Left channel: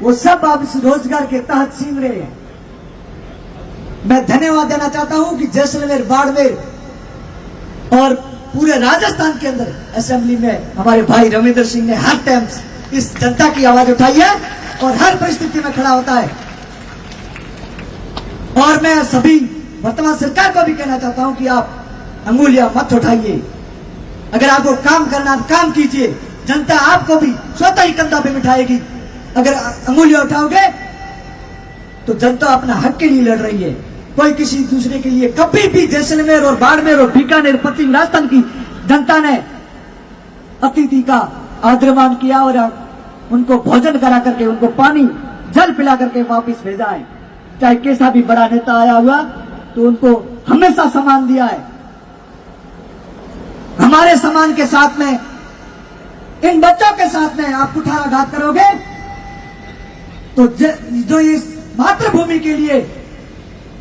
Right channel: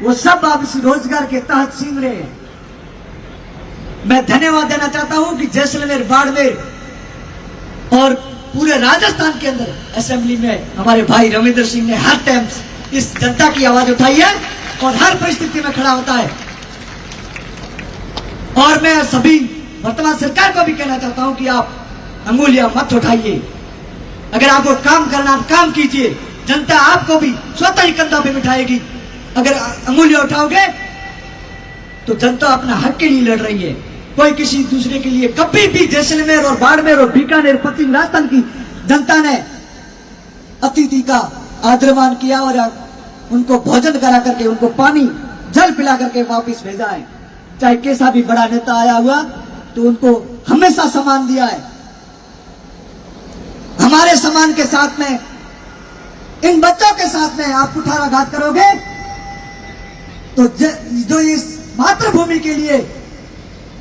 वो सब अब इस रोजगार के तहत छीन रहे हैं। मैं धन्यवाद देना चाहता हूं कि जैसलमेर, बाड़मेर और पूरे राजस्थान के अंदर असेंबली में हमारे भाई रविंद्र सिंह ने हर टाइम इस जनता की आवाज उठाई है और हर परिस्थिति में खड़ा होता है। और मैं सभी वर्तमान सरकार को भी कहना चाहता हूं कि आप अंगुलियां मत उठाइए। अगर आपको काम करना काम कीजिए, जनता आपको भी स्वतः ही कंधा पे उठाएगी। अगर अंगुलियां उठाओगे तो जनता अपना हक के लिए लड़ रही है, कोई किसी दूसरे के लिए। कभी भी जैसलमेर और बाड़मेर और बीकानेर, पश्चिम राजस्थान की जनता ने अतिथि का आदरमान किया और उनको भोजन करा करके, उनको पानी जल पिला करके वापस भेजा है। चाहे कैसा भी बड़ा नेता आया हुआ तो उनको हमेशा सम्मान दिया है। हमारे सम्मान के साथ में, इन बच्चों के साथ में आप कुठाराघात करोगे तो जो इस मातृभूमि के लिए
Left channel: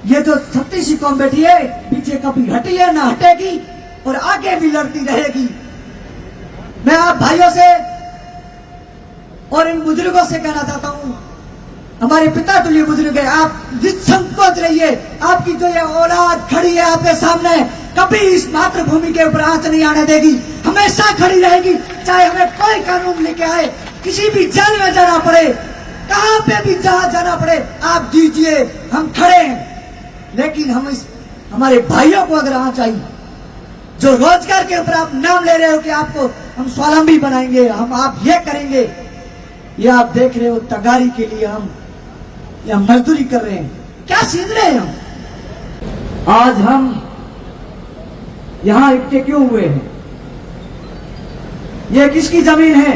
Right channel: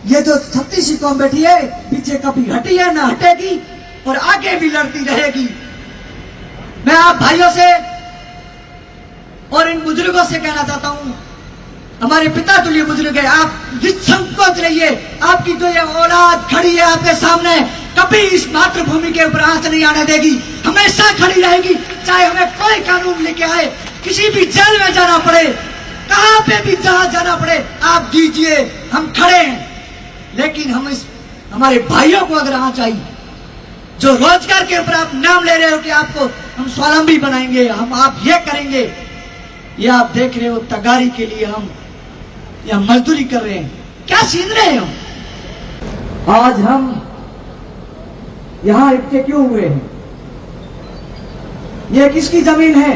ये जो 36 कौम बैठी है, पीछे कभी हटी है ना हटेगी और आगे भी लड़ती रहेगी। मैं आप भाइयों से और इन बुजुर्गों से कहना चाहता हूं, हमारे पिता तुल्य बुजुर्ग है, आप निसंकोच रहिए। आपकी जो ये औलाद खड़ी है आपके सामने, कभी इस मातृभूमि के ऊपर आंच नहीं आने देगी, हमेशा खड़ी रहेगी। चाहे हमें कोई कानून लेके आए, किसी भी जेल में जाना पड़े, कहां पे भी जहां जाना पड़े, आप दीजिए, हम खड़े हैं। लेकिन हम हमारे भाइयों को अगर आना चाहिए, जो रोजगार के ऊपर आप नाम ले रहे हो कि आपको हम स्वावलंबी बनाएंगे, हम आप ये करेंगे, ये आप देख रहे हो तगारी के लिए हम या मजदूरी कर रहे हैं। क्या सीख रहे हैं हम? आज हम यहां इकट्ठे क्यों हुए हैं? ये किसकी जमीन है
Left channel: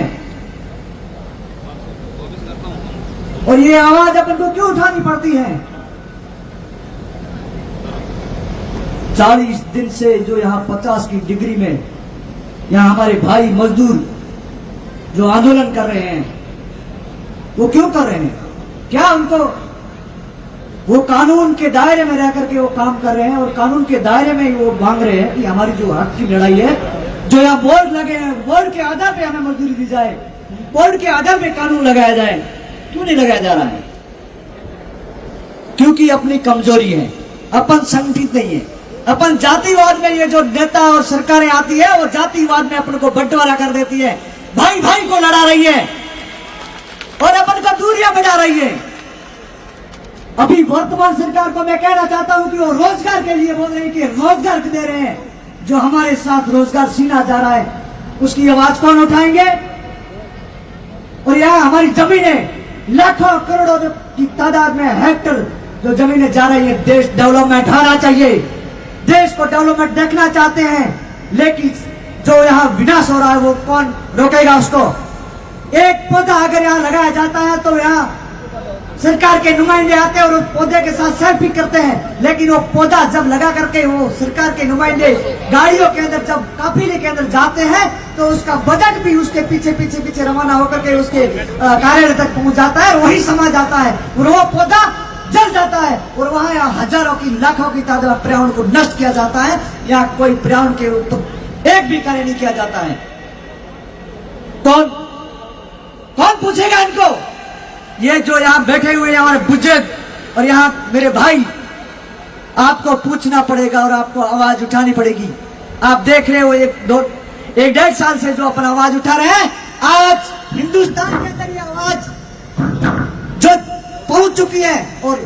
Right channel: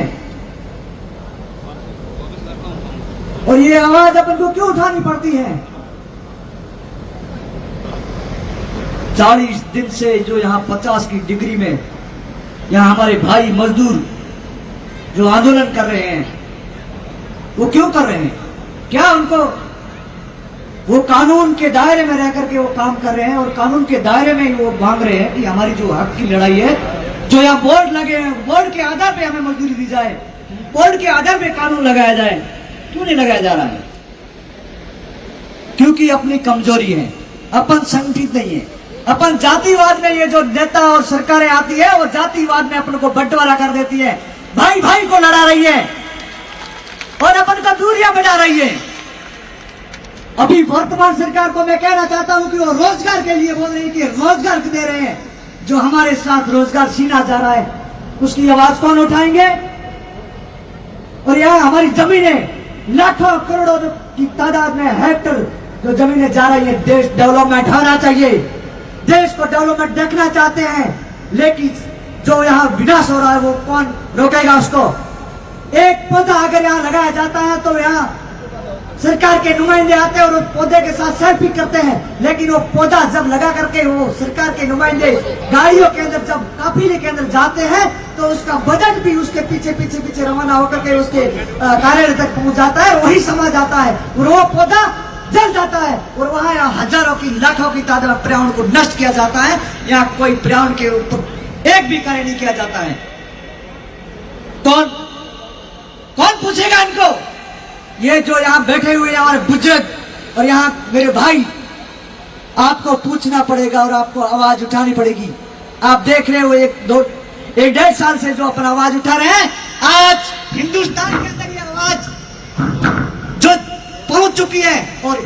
और ये आवाज अपन को क्यों उठानी पड़ती है? 40 दिन से जो यहाँ 50 की डिग्री में यहाँ हमारे भाई मजदूर जो आंदोलन कर रहे हैं, वो क्यों कर रहे हैं? क्या उनको वो कानून के दायरे में रह करके वो काम कर रहे हैं और कानून के दायरे में ही वो मांग रहे हैं कि हमारी जो हक की लड़ाई है, जो यहाँ बोर्ड लगे हैं, बोर्ड के आधार पे हमें मजदूरी दी जाए, बोर्ड के आधार पे कानून लगाया जाए, क्यों नहीं लगाया जा रहा है? क्योंकि अपनी कमजोरी है, अपन संगठित नहीं है। अपन जातिवाद में, ये जो नेता और सरकारें आती है वो जातिवाद में अपन को बंटवारा कर देती है, भाई भाई को लड़ा रही है और अपन को दूरियां बढ़ा रही है। अभी वर्तमान सरकार को मैं कहना चाहता हूं कि वो रोजगार के लिए बोल रहे हैं कि रोजगार दे रहे हैं, जो हमारे साथ रोजगार छीना जा रहा है उसकी आवाज कौन उठाएंगे? और यहाँ हमारी जमीनें लाखों करोड़ों की तादाद में हेक्टर जो जमीनें जा रही है, देश डेवलपमेंट होना चाहिए, देश को डेवलपमेंट देखना चाहते हैं, लेकिन जो यहाँ विनाश हो रहा है वो कौन रोकेगा उसको? एक पौधा अगर यहाँ लगाया जाता है तो यहाँ सरकार के नुमाइंदे आते हैं और उस पौधे के साथ सेल्फी करते हैं, लेकिन वो पौधा जब लगा करके वो सरकार के नुमाइंदे गाड़ियों के अंदर जब काफिले के अंदर जाते हैं तो उसका बजट भी उसके पीछे पीछे पीछे रवाना होकर के उसके कार्यालय तक पहुंच जाता है, वही समा जाता है और वो पौधा जल जाता है और वहां यहाँ हजारों की लाखों की तादाद में पर्यावरण को नष्ट किया जाता है। यहाँ कोई पर्यावरण के ऊपर एक भी कार्य नहीं किया जाता है। कौन पूछेगा इनको? ये जो यहाँ बैठे हुए हमारे बुजुर्ग और यहाँ मेरे भाई, आपको पूछना पड़ेगा और आपको आवाज उठानी पड़ेगी। आप देख रहे हो एक डेढ़ साल से जो अपन आवाज उठा रहे हैं, आज हिंदुस्तान के अंदर ये आवाज जो पहुंच चुकी है और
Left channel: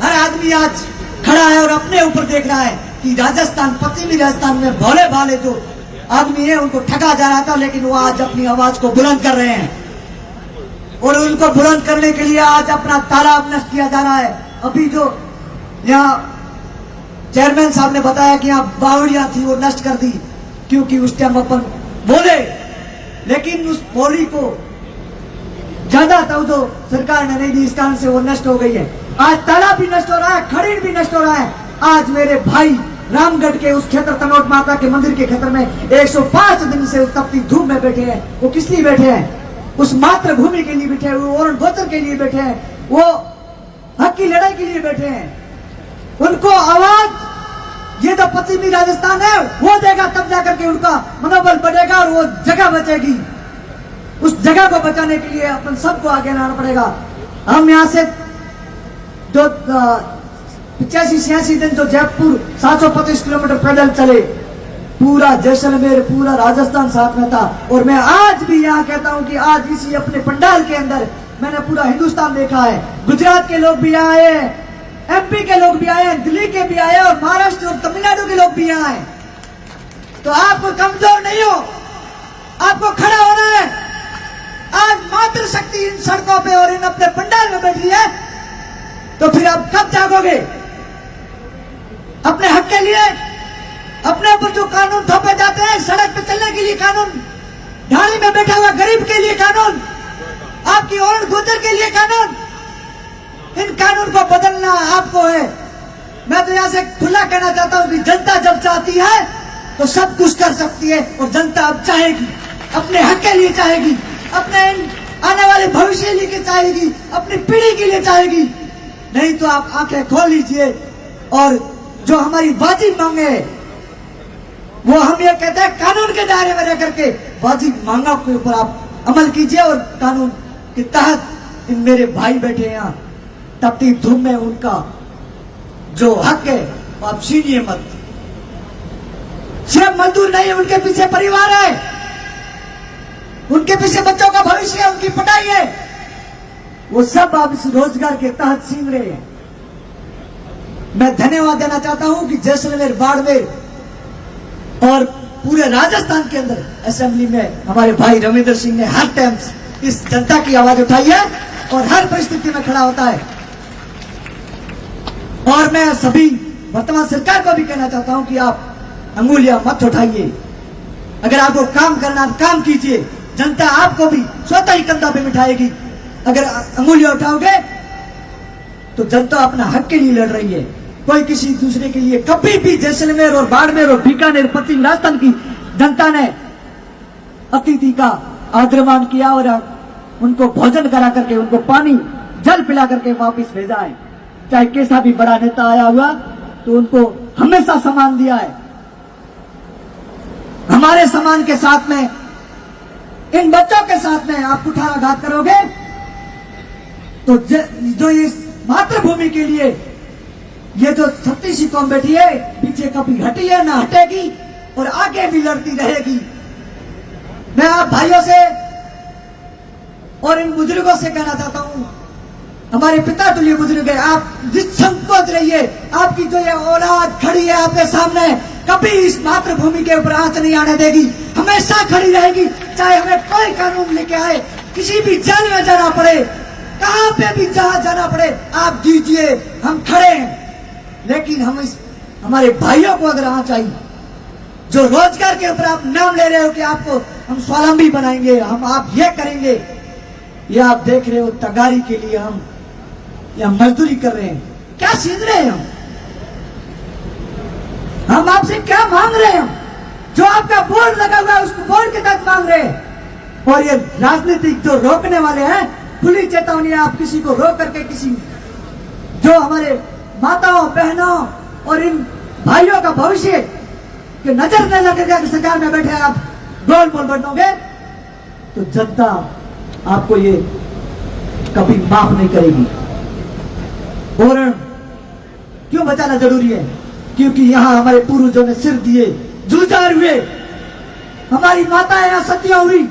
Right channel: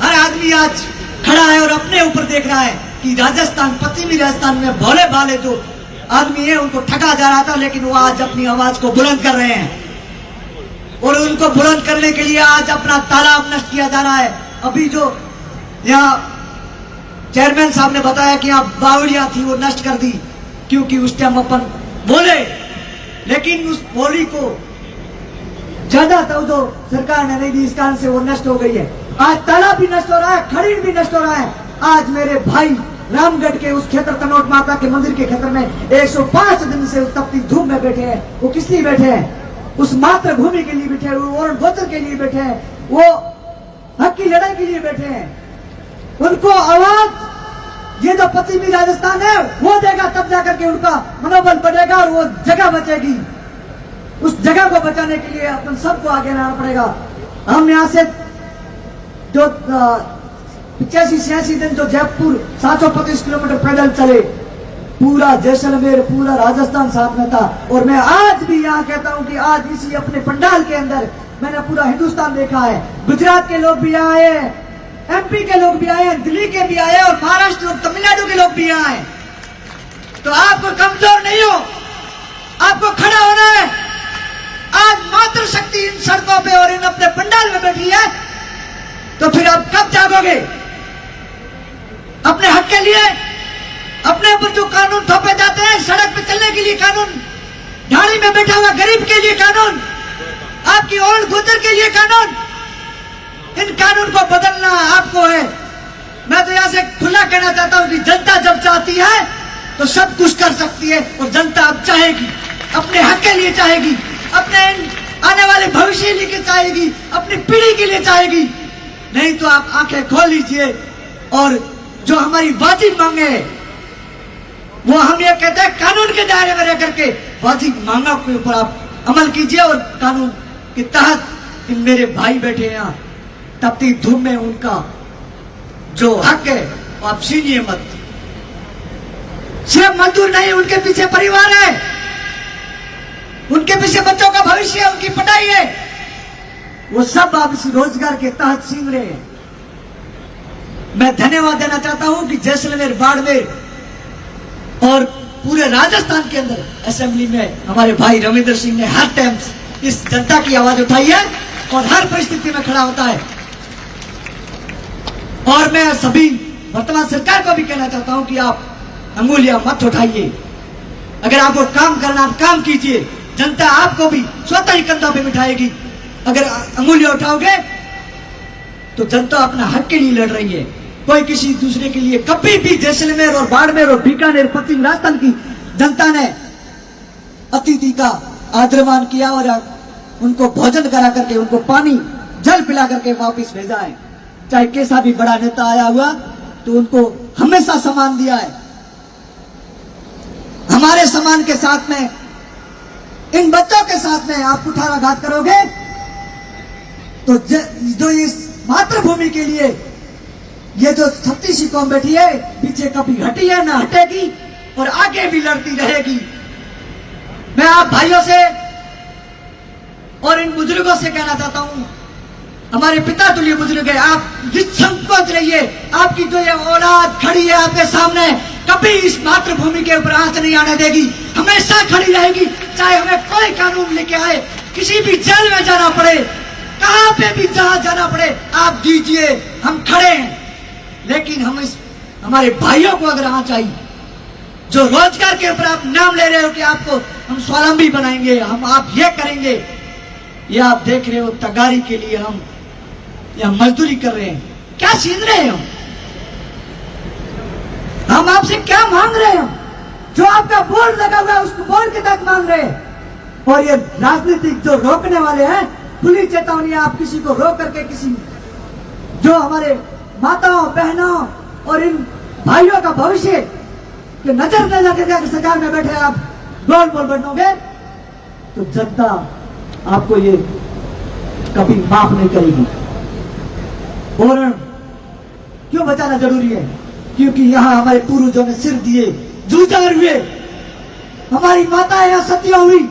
हर आदमी आज खड़ा है और अपने ऊपर देख रहा है कि राजस्थान, पश्चिमी राजस्थान में भोले भाले जो आदमी है उनको ठगा जा रहा था, लेकिन वो आज अपनी आवाज को बुलंद कर रहे हैं और उनको बुलंद करने के लिए आज अपना तालाब नष्ट किया जा रहा है। अभी जो यहाँ चेयरमैन साहब ने बताया कि यहाँ बावड़ियां थी वो नष्ट कर दी, क्योंकि उस टाइम अपन बोले, लेकिन उस बोली को ज्यादा तो सरकार ने नहीं दी, इस कारण से वो नष्ट हो गई है। आज तालाब भी नष्ट हो रहा है, खरीद भी नष्ट हो रहा है। आज मेरे भाई रामगढ़ के उस क्षेत्र तनोट माता के मंदिर के क्षेत्र में 105 दिन से उस तपती धूप में बैठे हैं। वो किस लिए बैठे हैं? उस मातृभूमि के लिए बैठे हैं, वो और गोत्र के लिए बैठे हैं, वो हक की लड़ाई के लिए बैठे हैं। उनको आवाज ये जो पश्चिमी राजस्थान है वो देगा, तब जाकर के उनका मनोबल बढ़ेगा और वो जगह बचेगी। उस जगह को बचाने के लिए अपन सबको आगे आना पड़ेगा। हम यहाँ से जो 85-86 दिन जो जयपुर 725 किलोमीटर पैदल चले, पूरा जैसलमेर पूरा राजस्थान साथ में था। और मैं आज भी यहाँ कहता हूँ कि आज इसी अपने पंडाल के अंदर मैंने पूरा हिंदुस्तान देखा है। गुजरात के लोग भी यहाँ आए, एमपी के लोग भी आए, दिल्ली के भी आए और महाराष्ट्र और तमिलनाडु के लोग भी यहाँ आए। तो आपको कमजोर नहीं हो, आपको खड़ा होना है। आज मातृशक्ति इन सड़कों पे और इन अपने पंडाल में बैठी है, तो फिर आप कब जागोगे अपने हक के लिए? अपने ऊपर जो कानून थोपे जाते हैं, सड़क पे चलने के लिए कानून, ढाणी में बैठा हुआ गरीब के लिए कानून, आपकी ओल्ड गुजर के लिए कानून, इन कानून को बदलना आपको है। मैं तो यहां से खुला कहना चाहता हूं कि जनता जब चाहती है तो सब कुछ कर सकती है। और जनता अब चाहेगी, अपने हक के लिए चाहेगी, अपने आने वाले भविष्य के लिए चाहेगी, अपनी पीढ़ी के लिए चाहेगी। नहीं तो आप आंखें खोल लीजिए और जो हमारी वाजिब मांगे वो हम ये कहते हैं कानून के दायरे में रह करके वाजिब मांगा के ऊपर आप अमल कीजिए। और कानून के तहत इन मेरे भाई बैठे हैं यहाँ, तपती धूम में उनका जो हक है आप छीनिए मत। सिर्फ मजदूर नहीं, उनके पीछे परिवार है, उनके पीछे बच्चों का भविष्य है, उनकी पढ़ाई है, वो सब आप इस रोजगार के तहत छीन रहे हैं। मैं धन्यवाद देना चाहता हूं कि जैसलमेर, बाड़मेर और पूरे राजस्थान के अंदर असेंबली में हमारे भाई रविंद्र सिंह ने हर टाइम इस जनता की आवाज उठाई है और हर परिस्थिति में खड़ा होता है। और मैं सभी वर्तमान सरकार को भी कहना चाहता हूं कि आप अंगुलियां मत उठाइए। अगर आपको काम करना काम कीजिए, जनता आपको भी स्वतः ही कंधा पे उठाएगी। अगर अंगुलियां उठाओगे तो जनता अपना हक के लिए लड़ रही है, कोई किसी दूसरे के लिए। कभी भी जैसलमेर और बाड़मेर और बीकानेर, पश्चिम राजस्थान की जनता ने अतिथि का आदरमान किया और उनको भोजन करा करके, उनको पानी जल पिला करके वापस भेजा है। चाहे कैसा भी बड़ा नेता आया हुआ तो उनको हमेशा सम्मान दिया है। हमारे सम्मान के साथ में, इन बच्चों के साथ में आप कुठाराघात करोगे तो जो इस मातृभूमि के लिए ये जो छत्तीसी कौम बैठी है पीछे कभी हटी है ना हटेगी और आगे भी लड़ती रहेगी। मैं आप भाइयों से और इन बुजुर्गों से कहना चाहता हूं, हमारे पिता तुल्य बुजुर्ग है, आप निसंकोच रहिए। आपकी जो ये औलाद खड़ी है आपके सामने, कभी इस मातृभूमि के ऊपर आंच नहीं आने देगी, हमेशा खड़ी रहेगी। चाहे हमें कोई कानून लेके आए, किसी भी जेल में जाना पड़े, कहां पे भी जहां जाना पड़े, आप दीजिए, हम खड़े हैं। लेकिन हम इस हमारे भाइयों को अगर आंच आई, जो रोजगार के ऊपर आप नाम ले रहे हो कि आपको हम स्वावलंबी बनाएंगे, हम आप ये करेंगे, ये आप देख रहे हो तगारी के लिए हम या मजदूरी कर रहे हैं, क्या छीन रहे हैं हम आपसे क्या मांग रहे हैं? जो आपका बोर्ड लगा हुआ है उसको बोर्ड के तक मांग रहे हैं। और ये राजनीतिक जो रोकने वाले हैं, खुली चेतावनी, आप किसी को रोक करके किसी जो हमारे माताओं बहनों और इन भाइयों का भविष्य के नजर के सरकार में बैठे आप गोल बोल बनोगे तो जनता आपको ये कभी माफ नहीं करेगी। और क्यों बचाना जरूरी है? क्योंकि यहाँ हमारे पूर्वजों ने सिर दिए, जूझार हुए, हमारी माताएं यहाँ सतियां हुई,